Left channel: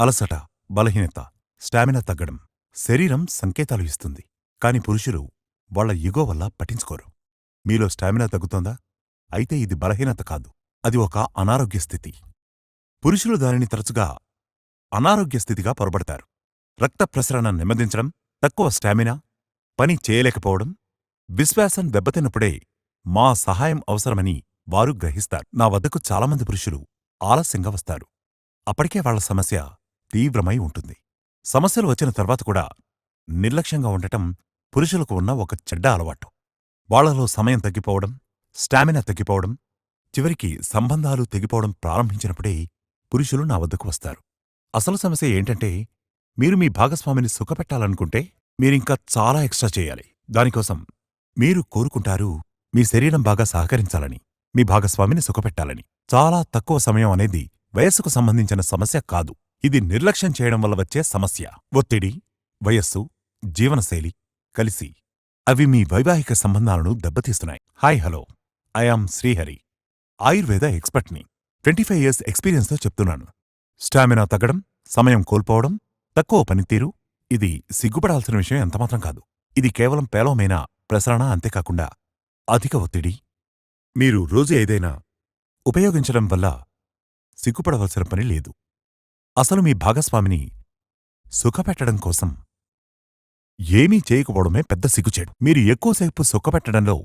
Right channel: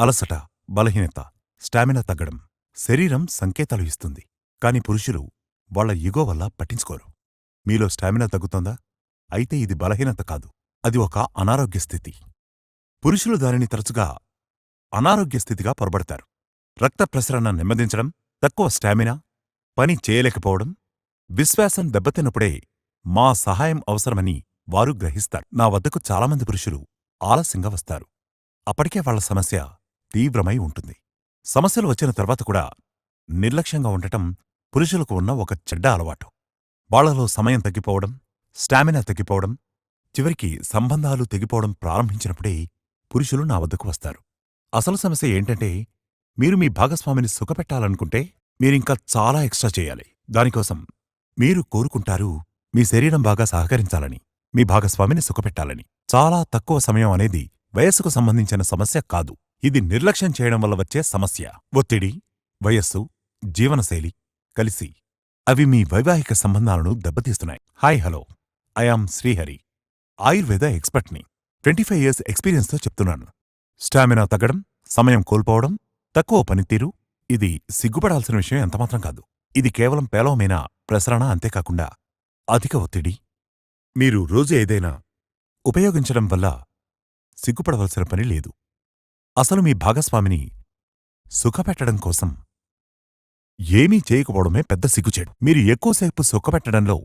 అలసట, బలహీనత, స్టామినా తగ్గడం శరీరం సంకేతాలు ఇస్తుంది. కాని పురుషులు వాళ్ల ఇగో వల్ల పట్టించుకోరు. మీలో స్టామినా తగ్గుతుందా? అయితే ఇది బలహీనత కాదు, అది ఒక అనారోగ్య స్థితి. పురుషులు దానిని తరచుగా అనారోగ్య స్థితిగా పొరబడతారు. రక్త ప్రసరణ నెమ్మదించడం, తక్కువ స్టామినా, పని చేయలేకపోవడం, విశ్వాసం దెబ్బతిన్నప్పుడే మా సహాయం అవసరమని వారు గ్రహిస్తారు. నా వద్దకు చాలామంది పురుషులు ఆలస్యంగా వస్తారు. అప్పటికే వాళ్ల సమస్య తీవ్రమై ఉంటుంది. సమస్యలు వచ్చిన తర్వాత కూడా నిర్లక్ష్యంగా ఉండటం పురుషులకు ఉన్న ఒక చెడ్డ అలవాటు. వాళ్లలో సమయం తగ్గిపోవడం, స్టామినా తగ్గిపోవడం, చివరికి సంబంధాలు తెగిపోవడం ప్రారంభించినప్పుడే పురుషులు నా వద్దకు వస్తారు. అసలు సమస్య ఏంటంటే, మీరు మీ భాగస్వామిని సుఖపెట్టాలనుకుంటే మీరింకా చాలా ఎక్స్ట్రా చేయాలి. దానికోసం మీరు కోరుకుంటారు మీ శరీరం బాగా సహకరించాలని, మీ భాగస్వామిని సుఖపెట్టాలని. చాలా తక్కువ సమయం అనేది వయస్సుకు సంబంధించిన సమస్య కాదు. ఇది నిర్లక్ష్యం చేయడం వల్ల వచ్చే సమస్య. ఒత్తిడి, వయస్సు, జీవనశైలి కలిసి అవి మీ వైవాహిక సంబంధాలను దెబ్బతీస్తున్నాయి. Hi hello, I am Srihari, Ayurveda ఎక్స్పర్ట్ని. 25 years ఎక్స్పీరియన్స్తో చెప్తున్నాను. స్టామినా తగ్గడం, సమయం కోల్పోవడం, తక్కువ పనితీరు ఇది సిగ్గుపడాల్సిన విషయం ఎంతమాత్రం కాదు. ఇది కేవలం పేలవమైన ప్రసరణ. అంతేకాకుండా అధిక ఒత్తిడి. మీరు రోజు ఏదైనా ఉపయోగించడం వల్ల సిగ్గుపడవలసిన పని లేదు. అసలు మీ భాగస్వామిని సుఖపెట్టడం కోసం ఏమీ చేయకపోవడమే పెద్ద సిగ్గుచేటు. మీరు ఎక్కువసేపు సుఖపెట్టడంలో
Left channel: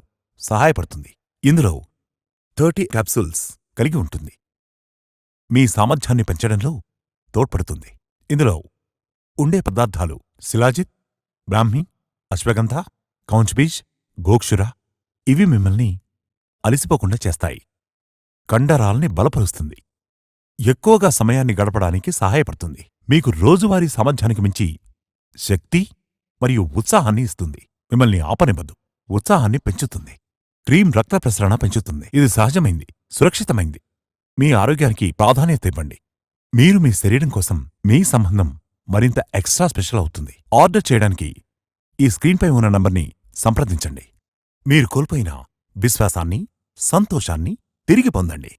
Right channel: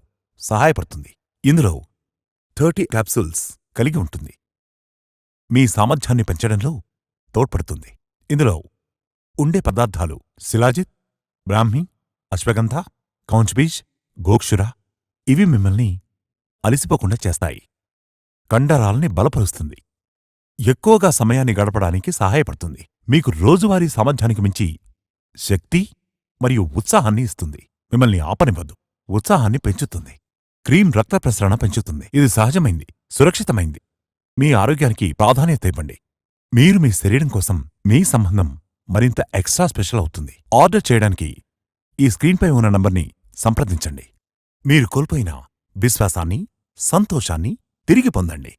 సహాయపడుతుంది. ఇందులో 30 క్యాప్సూల్స్ కలిగి ఉంటుంది. మీ సామర్థ్యాన్ని పెంచడంలో తోడ్పడుతుంది. ఇందులో ఉండే పదార్థాలు శిలాజిత్, బ్రాహ్మి, అశ్వగంధ, కౌంచ్బీజ్, గోక్షుర. ఇవి మిమ్మల్ని అలిసిపోకుండా చేస్తాయి. కండరాల్ని బలపరుస్తుంది. ఎక్కువగా సమయాన్ని గడపడానికి సహాయపడుతుంది. మీకు రోజువారీ సామర్థ్యానికి మించి శక్తి మరియు ఉత్సాహాన్ని ఇస్తుంది. మిమ్మల్ని ఆపనివ్వదు, ఉత్సాహాన్ని పెంచుతుంది. క్రీమ్ రక్త ప్రసరణ పెంచుతుంది. ఇది సహజమైంది, సురక్షితమైంది. మీ ఆరోగ్యానికి ప్రాధాన్యత ఇవ్వండి. మీరు మీ శరీరం కోసం మీ సంబంధం మరింత ఎక్స్ట్రా స్పెషల్ అవుతుంది. ఆర్డర్ చేయడానికి ఈ స్క్రీన్పై ఉన్న నంబర్ని సంప్రదించండి. మీరు కోల్పోయిన విశ్వాసాన్ని, సంతోషాన్ని తిరిగి పొందండి.